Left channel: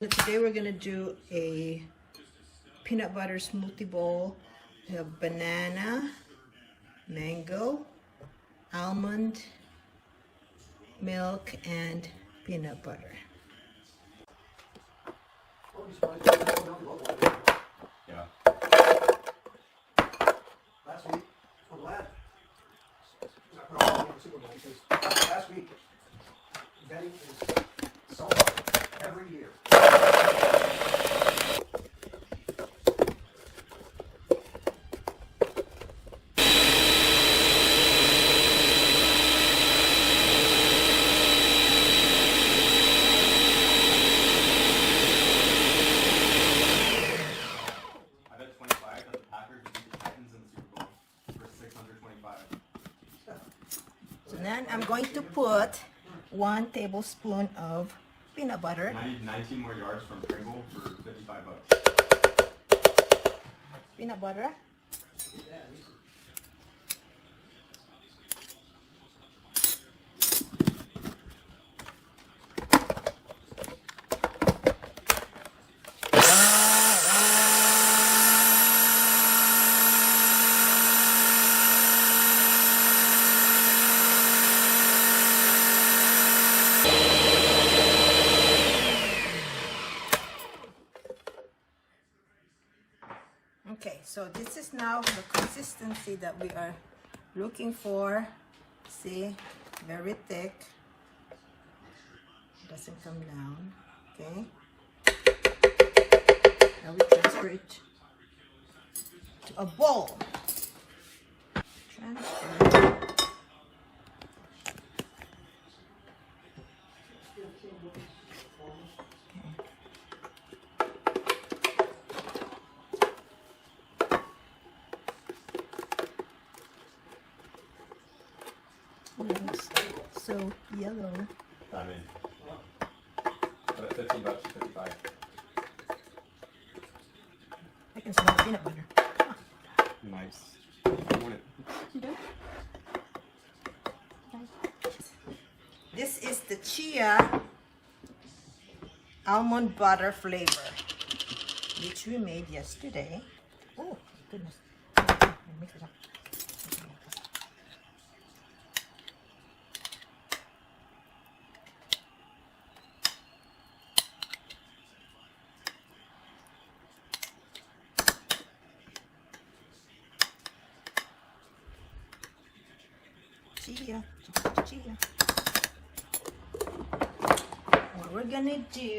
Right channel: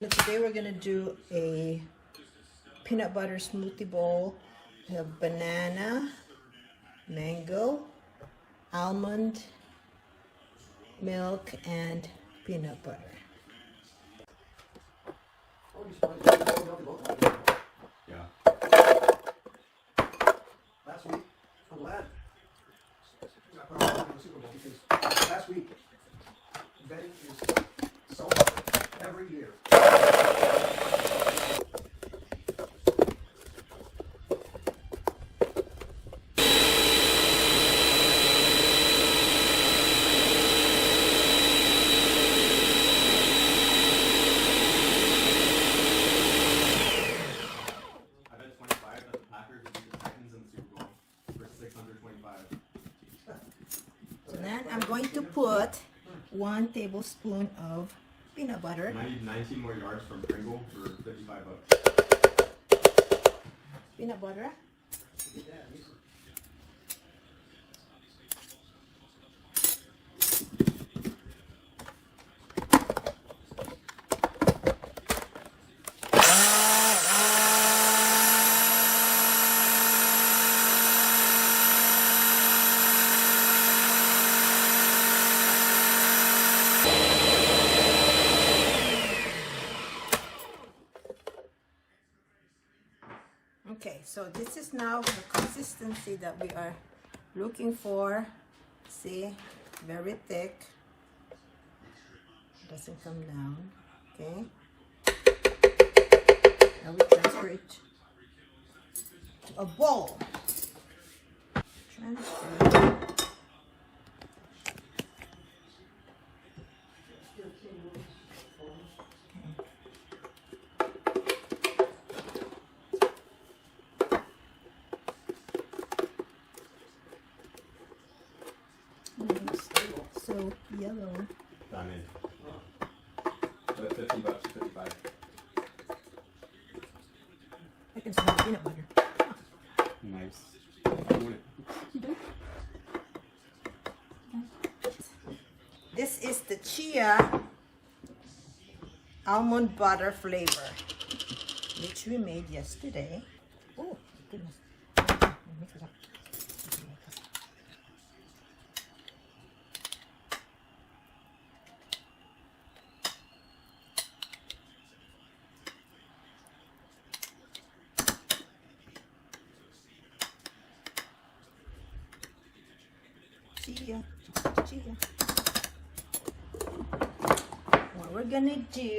Today we're gonna do a peanut butter smoothie bowl. We have banana, mango, almond milk, and peanut butter. Yeah. Last week, I'm glad. Last week, Betty is so hard every year. Then I'm going to put 1 tablespoon of peanut butter. I need 19 more yards from Pringle for $55. Peanut butter. Okay, so this is now the consistency that we are looking for. See, very thick. Doesn't come down. Okay. Now we transfer it to a bowl. Transfer. So yellow. I mean, but $15, 55. I can smell peanut butter. Nice. I want it. You do? Okay. This is the chia almond butter flavor, which we made yesterday. Oh, goodness. Mix it up. Chia. What we're gonna do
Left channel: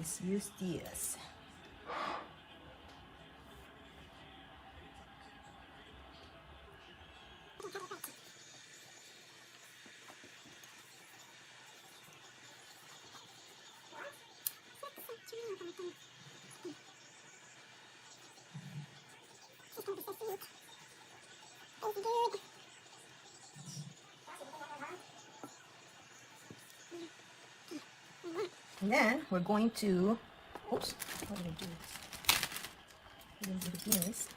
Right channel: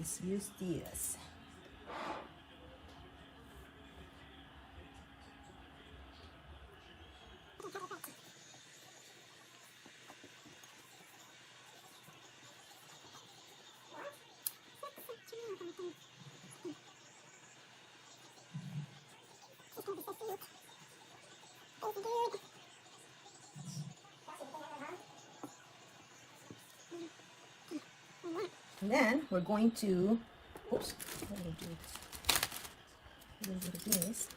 is use this. And then we're going to, oops, use this,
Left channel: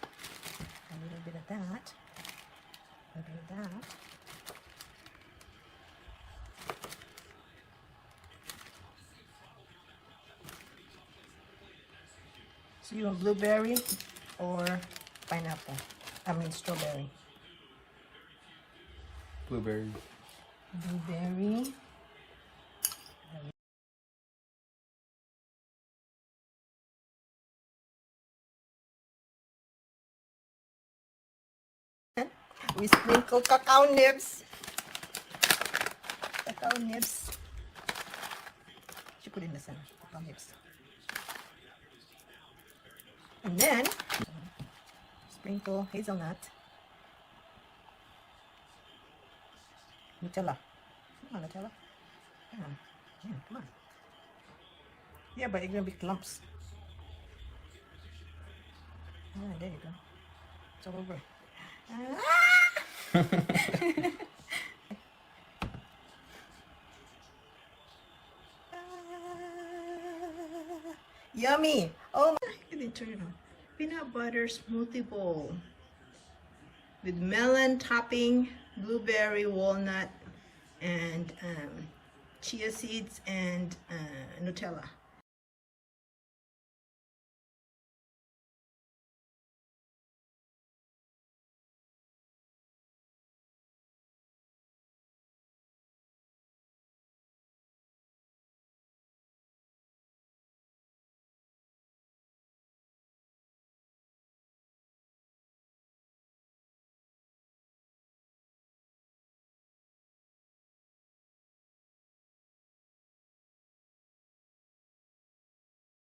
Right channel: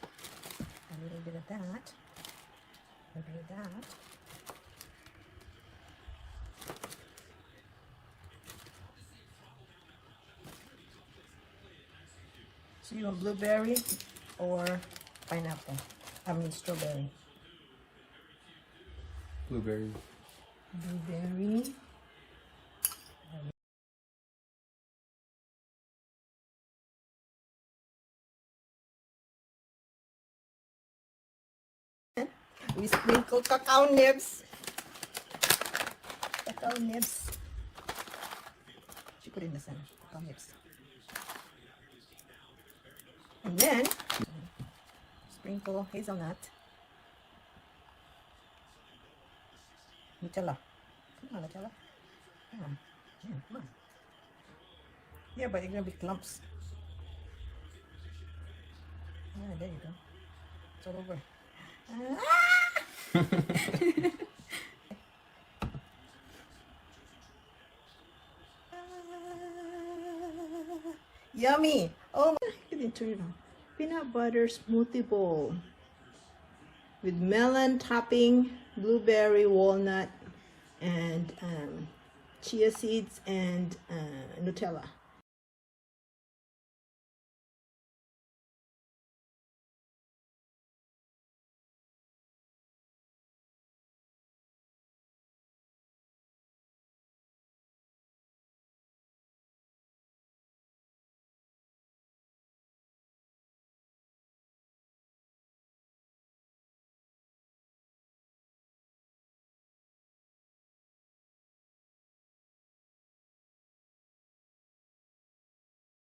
a little bit of that, a bit of that. So you want blueberry or pineapple? I mean strawberry. Blueberry. Blueberry. We sprinkle cacao nibs. Cacao nibs. She put in the center. Cacao nibs. And then sprinkle hazelnut. Nutella. Come on, Nutella. Come on. Yeah, come on. Yeah, but it's gonna be clumps. Oh, there you go. It's all over. Yummy! Oh my! I didn't turn it on. Peanut butter smoothie bowl with melon topping, blueberry, walnut, and chia seeds and Nutella.